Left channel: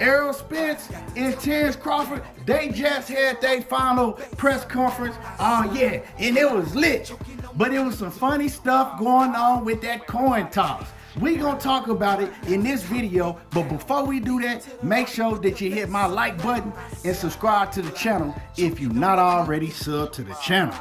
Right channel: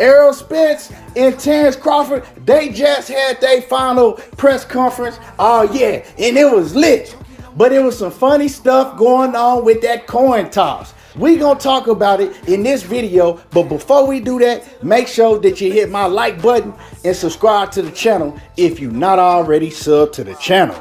Errol Spence and Terence Crawford, they just had their final press conference. Oh yeah, and it was lit. But it was some funny stuff going on with that coin toss. We gonna talk about it in this video, but before we do that, make sure that you hit my like button and subscribe to the channel if you're not already subbed to the channel.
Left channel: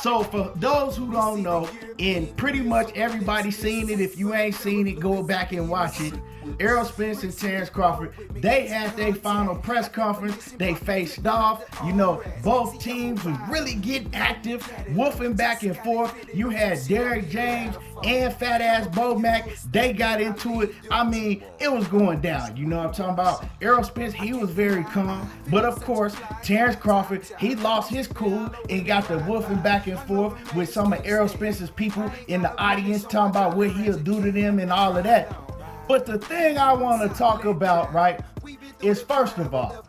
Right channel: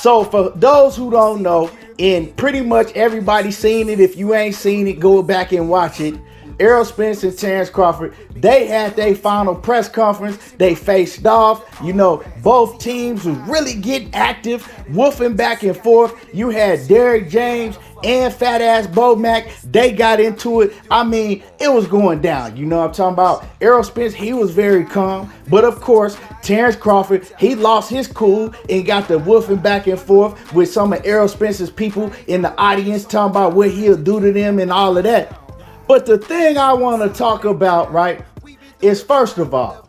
So for those who don't know, and pretty much everybody seen it, if you ain't seen it, go back and watch it. Errol Spence and Terence Crawford, they had their final press conference. They faced off. You know, both teams was really getting active, woofing back and forth. You had Derrick James and fat ass Bo Mack. They got into it. I mean, it was going down. You know what I'm talking about? Errol Spence, he was very calm. But of course, Terence Crawford, he lost his cool and got the woofing back and forth with some of Errol Spence's people in the audience talking about what he'll do to them and all of that. But the thing I want to talk about, right, is first of all,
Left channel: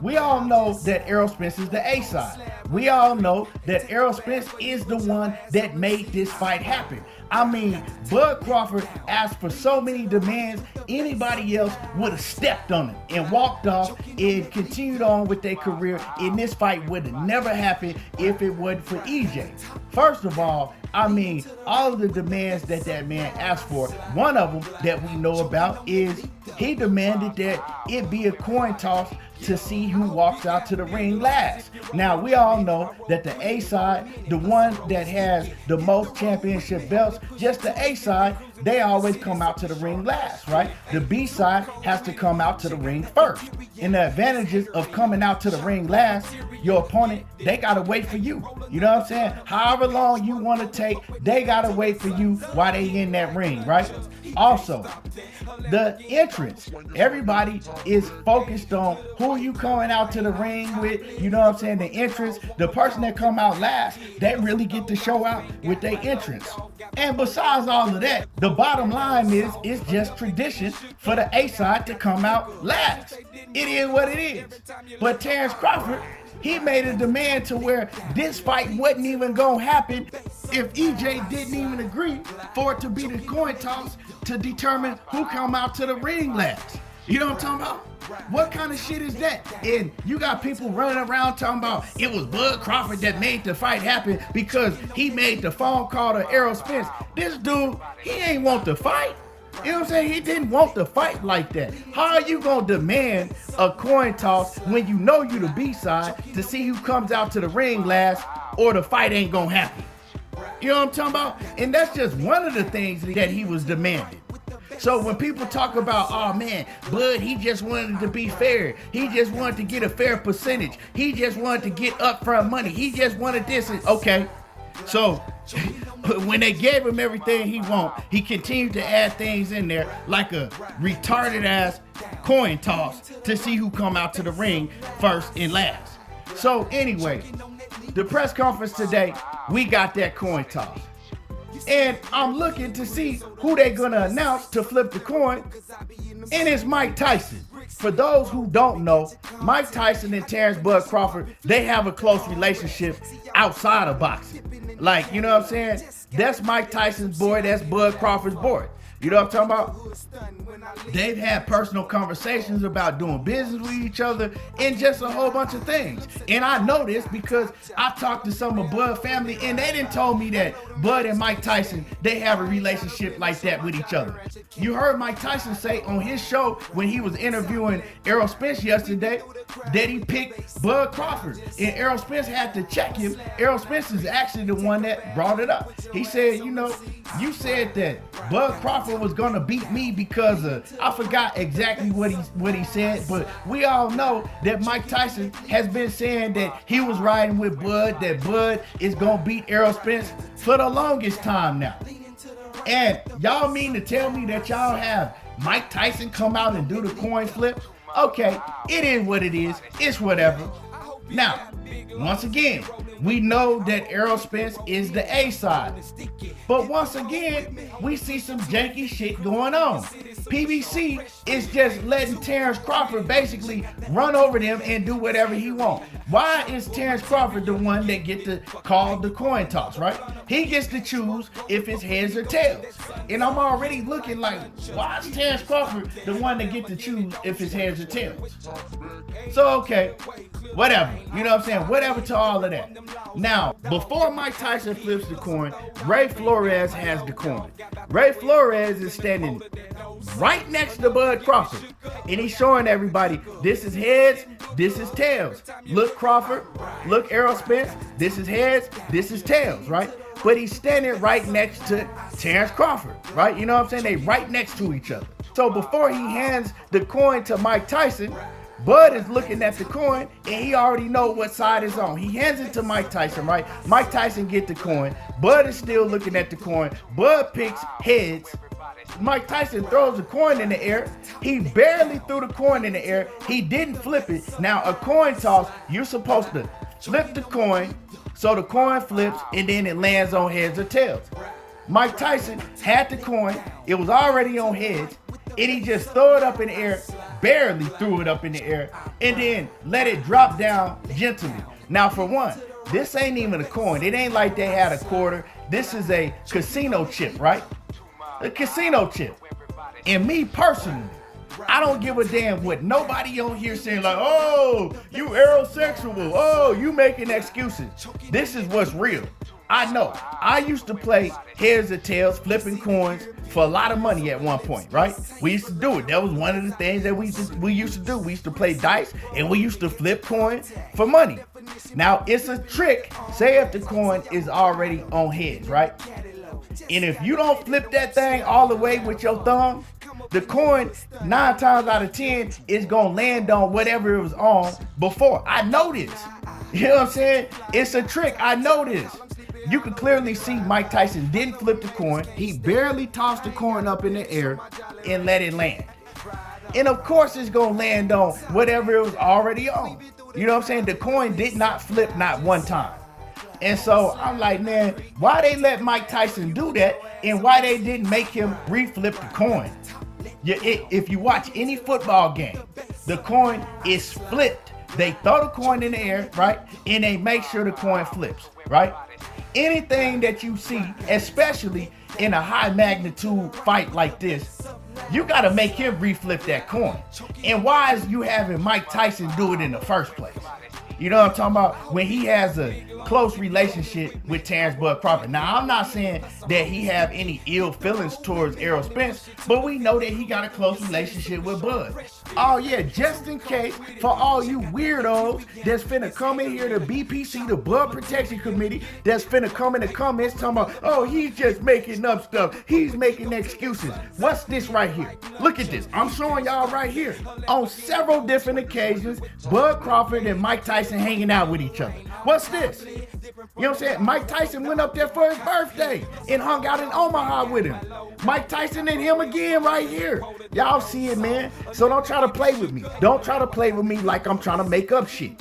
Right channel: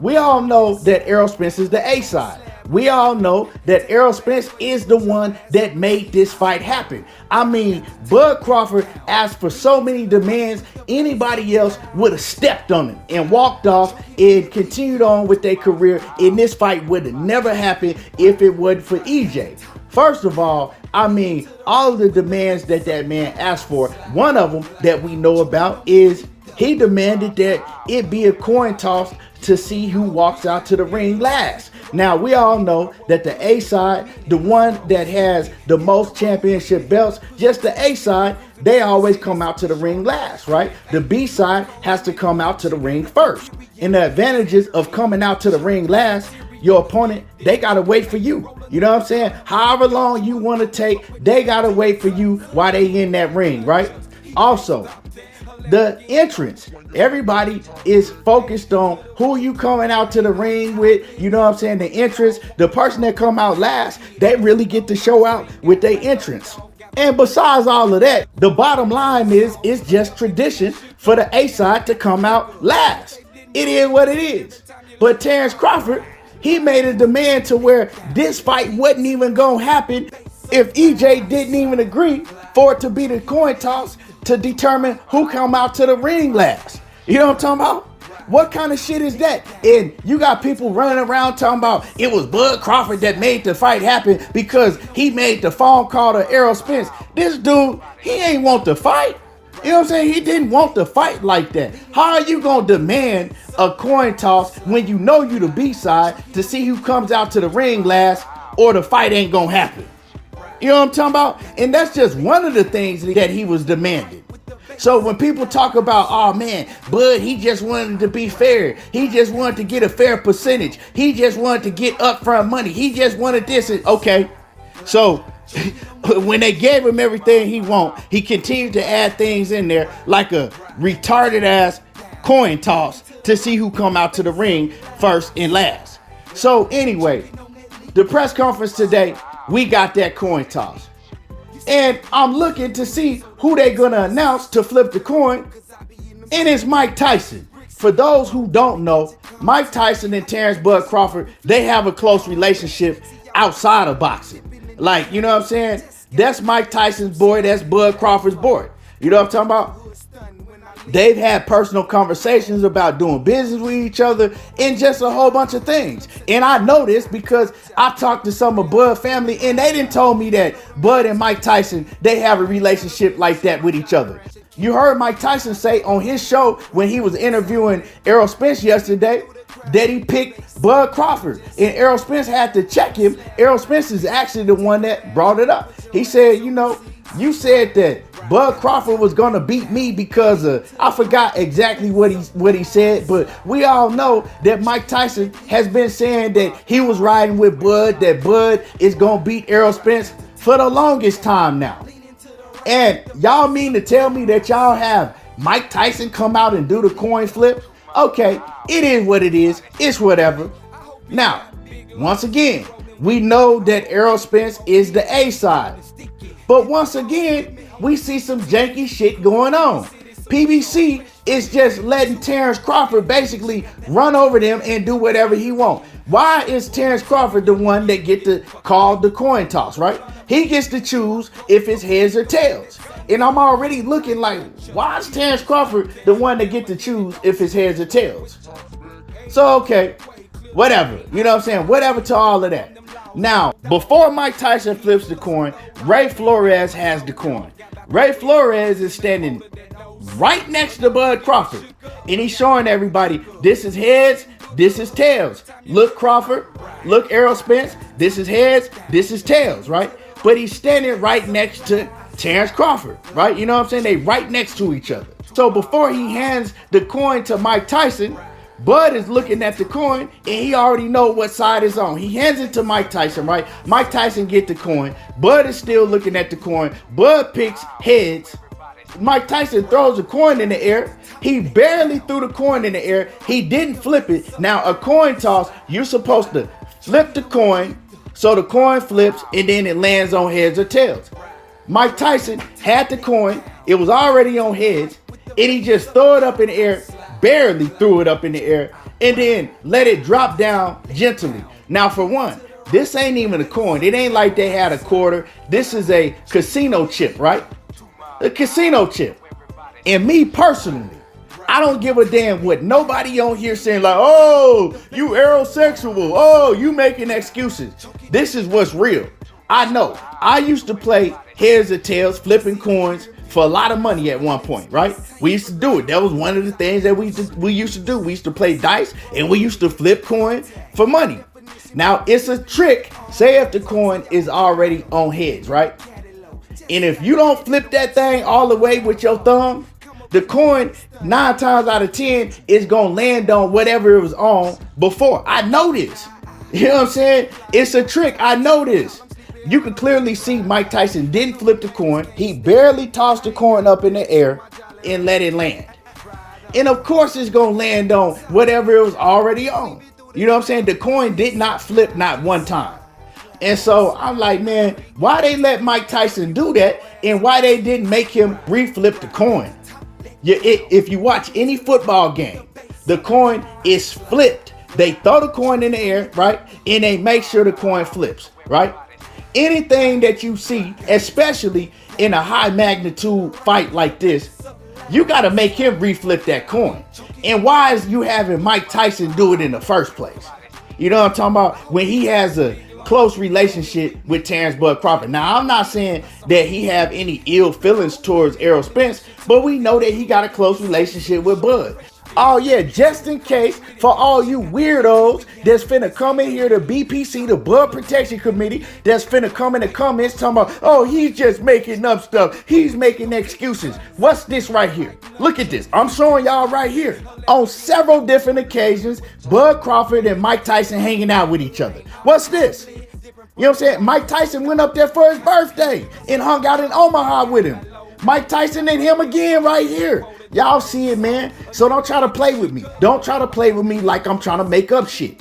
we all know that Errol Spence is the A-side. We all know that Errol Spence is the one that made this fight happen. I mean, Bud Crawford asked for so many demands, anybody else would have stepped on him and walked off and continued on with their career, and this fight would have never happened if it wasn't for EJ. First of all, I mean, all of the demands that man asked for, one of them that we know about is he demanded that it be a coin toss to see who walks out to the ring last. Now, we all know that the A side, the one that has the most championship belts, just the A side, they always come out to the ring last, right? The B side has to come out to the ring first. And the advantages of coming out to the ring last, your opponent, they gotta wait for you. You know what I'm saying? However long you wanna take, they gotta wait for you while they in that ring, right? Also, the entrance. Everybody is focused on who you coming out to the ring with. You know what I'm saying? The entrance, the person that come out last, they really get to show out with their entrance. And besides all of that, the bottom line is, it's just tradition for the A side to come out last. It is what it is. But Terence Crawford, he made a demand to where this fight wasn't even gonna happen if EJ didn't even agree for it to be the coin toss to determine who come out to the ring last. You know what I'm talking about? What kind of shit is that? And you got people running around talking about it was Bud Crawford that made the fight happen because he made the phone call to Errol Spence. This dude, he ain't want the fight. You know what I'm saying? He didn't want the fight like that. How are you gonna demand a coin toss when you know you the B side to see who comes out to the ring last, or the fight ain't gonna happen? You know what I'm talking about? And that's just one of the things that he was demanding. So when people talk about, oh man, Bud, he just wanted to be fair. He just wanted to get a fair percentage. He just wanted to get upfront money. He just wanted this. Okay. So when they gave him everything he want, he continued to add things in there like a retarded ass coin toss to see who come out to the ring first and last. So anyway, the press conference today, we got that coin toss. And I'm looking to see who they're gonna announce to flip the coin. And it's Mike Tyson. For those who don't know, Mike Tyson and Terence Bud Crawford, they have a close relationship outside of boxing. Like, you know what I'm saying? That's Mike Tyson's boy, that's Bud Crawford's boy. You know what I'm talking about? They've had personal conversations about doing business with each other and just a whole bunch of things. And I know this because I talked to some of Bud family and they didn't told me that Bud and Mike Tyson, they have a relationship like that with each other. You heard Mike Tyson say on his show when he was interviewing Errol Spence yesterday that he picked Bud Crawford, and Errol Spence had to check him. Errol Spence is actually the one that brought it up. He said, you know, you said that Bud Crawford was gonna beat me because of, I forgot exactly what he said, but we all know that Mike Tyson has been saying that he was riding with Bud, that Bud is gonna beat Errol Spence for the longest time now. And y'all mean to tell me that y'all have Mike Tyson come out and do the coin flip? Okay, it is what it is. It's whatever. Now, once again, we know that Errol Spence is the A side. But once again, we see some janky shit going on. PBC is just letting Terence Crawford basically run over them and do whatever he wants. Why is Terence Crawford the one that get to call the coin toss, right? He gets to choose if it's heads or tails. And I'm already looking like, why is Terence Crawford the one that get to choose if it's heads or tails? So, okay, whatever. You know what I'm saying? Whatever to all of that. Now, before Mike Tyson flips the coin, Ray Flores has the coin. Ray Flores is standing right next to Bud Crawford. And he's showing everybody, this is heads, this is tails. Look, Crawford, look, Errol Spence, this is heads, this is tails, right? But he's standing right next to Terence Crawford, right? You know what I'm saying? They right next to each other. So before he hands the coin to Mike Tyson, Bud is looking at the coin and he already know what side is on. He hands it to Mike Tyson, right? Mike Tyson get the coin. Bud is still looking at the coin. Bud picks heads. Mike Tyson throws the coin in the air. He barely threw the coin in the air. He didn't flip it. Now, a coin toss, you're supposed to flip the coin so the coin flips and then it lands on heads or tails. Mike Tyson had the coin. It was already on heads and he just threw it up in the air, barely threw it up in the air, and then let it drop down gently. Now, for one, this ain't even a coin. It ain't like they had a quarter. This is a casino chip, right? A casino chip. And me personally, I don't give a damn what nobody on here saying like, oh, you aerosexual. Oh, you making excuses. This is what's real. I know. I used to play heads or tails, flipping coins for a lot of money at one point, right? We used to do it. That was one of the things that we used to do. We used to play dice and we used to flip coins for money. Now, it's a trick. Say if the coin is already on heads, right? And if you don't flip that thing all the way with your thumb, the coin 9 times out of 10 is going to land on whatever it was on before. I know this. You know what I'm saying? It's a trick. I know this. You can clearly see Mike Tyson didn't flip the coin. He barely tossed the coin up in the air and let it land. And of course it's going to land on whatever it was already on. You know what I'm saying? The coin did not flip not one time. And so I'm like, man, why they let Mike Tyson do that and why they didn't make him reflip the coin? If you watch any football game, the coin is flipped. They throw the coin in the air, right? And they make sure the coin flips, right? Anything that you see, especially in a high magnitude fight like this, you got to make him reflip that coin. And why is you having Mike Tyson do it in the first place? You know what I'm talking about? When he has a close relationship with Terence Bud Crawford. Now, I'm not saying that he have any ill feelings towards Errol Spence, but we know that he got a close relationship with Bud. Oh yeah, just in case, for all you weirdos that's finna come in here to BPC, the Blood Protection Committee, that's finna come in the comments talking about, oh, he's just making up stuff. He's making excuses. What's this right here? Look at this. I'm showing y'all right here. On several different occasions, Bud Crawford and Mike Tyson hanging out with each other. What's this? You know what I'm saying? Mike Tyson went up there for his birthday and hung out in Omaha with him. Mike Tyson and him again right here. Y'all see it, man. So don't try to play with me. Don't try to play with me like I'm trying to make up shit.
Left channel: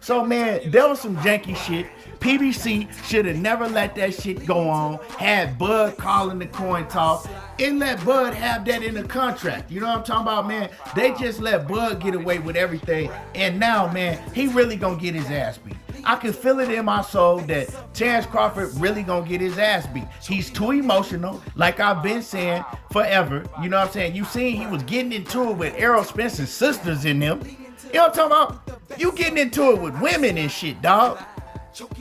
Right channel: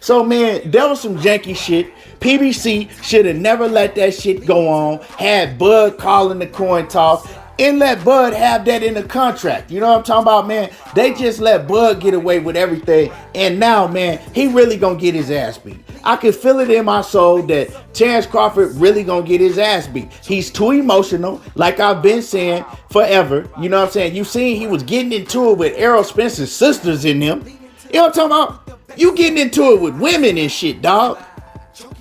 So, man, there was some janky shit. PBC should have never let that shit go on. Had Bud calling the coin toss and let Bud have that in the contract. You know what I'm talking about, man? They just let Bud get away with everything. And now, man, he really gonna get his ass beat. I can feel it in my soul that Terence Crawford really gonna get his ass beat. He's too emotional, like I've been saying forever. You know what I'm saying? You seen he was getting into it with Errol Spence's sisters in them. You know what I'm talking about? You getting into it with women and shit, dog.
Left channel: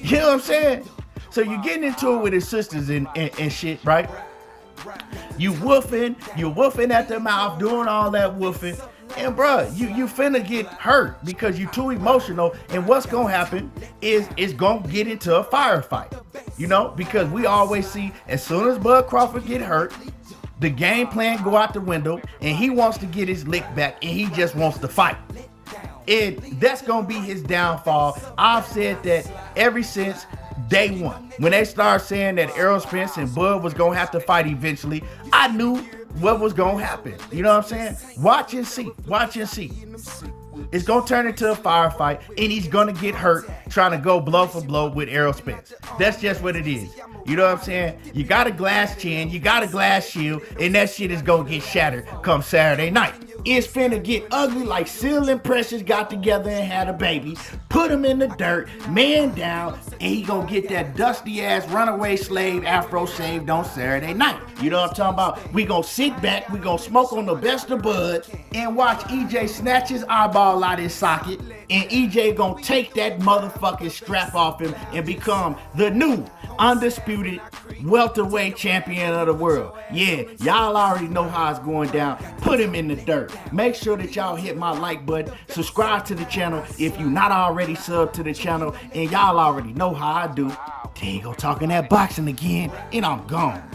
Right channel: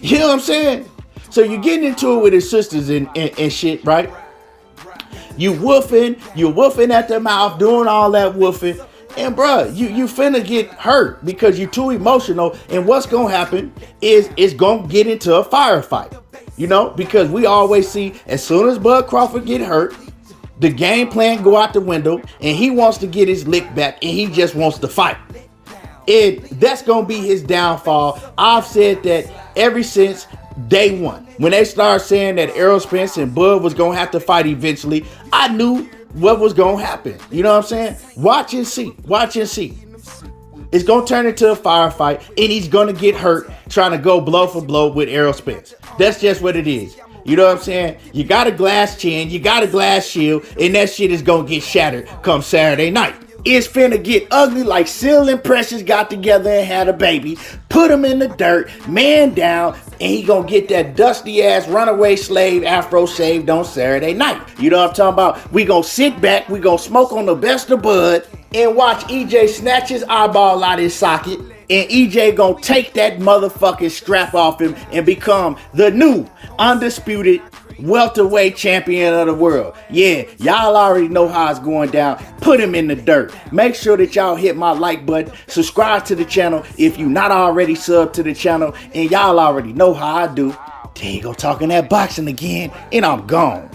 You know what I'm saying? So you getting into it with his sisters and shit, right? You woofing at the mouth, doing all that woofing. And bruh, you finna get hurt because you're too emotional. And what's gonna happen is it's gonna get into a firefight. You know, because we always see as soon as Bud Crawford get hurt, the game plan go out the window and he wants to get his lick back and he just wants to fight. That's gonna be his downfall. I've said that ever since day one. When they started saying that Errol Spence and Bud was gonna have to fight eventually, I knew what was gonna happen. You know what I'm saying? Watch and see. Watch and see. It's gonna turn into a firefight and he's gonna get hurt trying to go blow for blow with Errol Spence. That's just what it is. You know what I'm saying? You got a glass chin, you got a glass shield, and that shit is gonna get shattered come Saturday night. It's finna get ugly like Seal and Precious got together and had a baby. Put him in the dirt, man down, and he gonna get that dusty ass runaway slave afro shaved on Saturday night. You know what I'm talking about? We gonna sit back, we gonna smoke on the best of bud, and watch EJ snatch his eyeball out his socket, and EJ gonna take that motherfucking strap off him and become the new undisputed welterweight champion of the world. Yeah, y'all already know how it's going down. Put him in the dirt. Make sure that y'all hit my like button. Subscribe to the channel if you not already subbed to the channel. And y'all already know how I do. There you go, talking that boxing again, and I'm gone.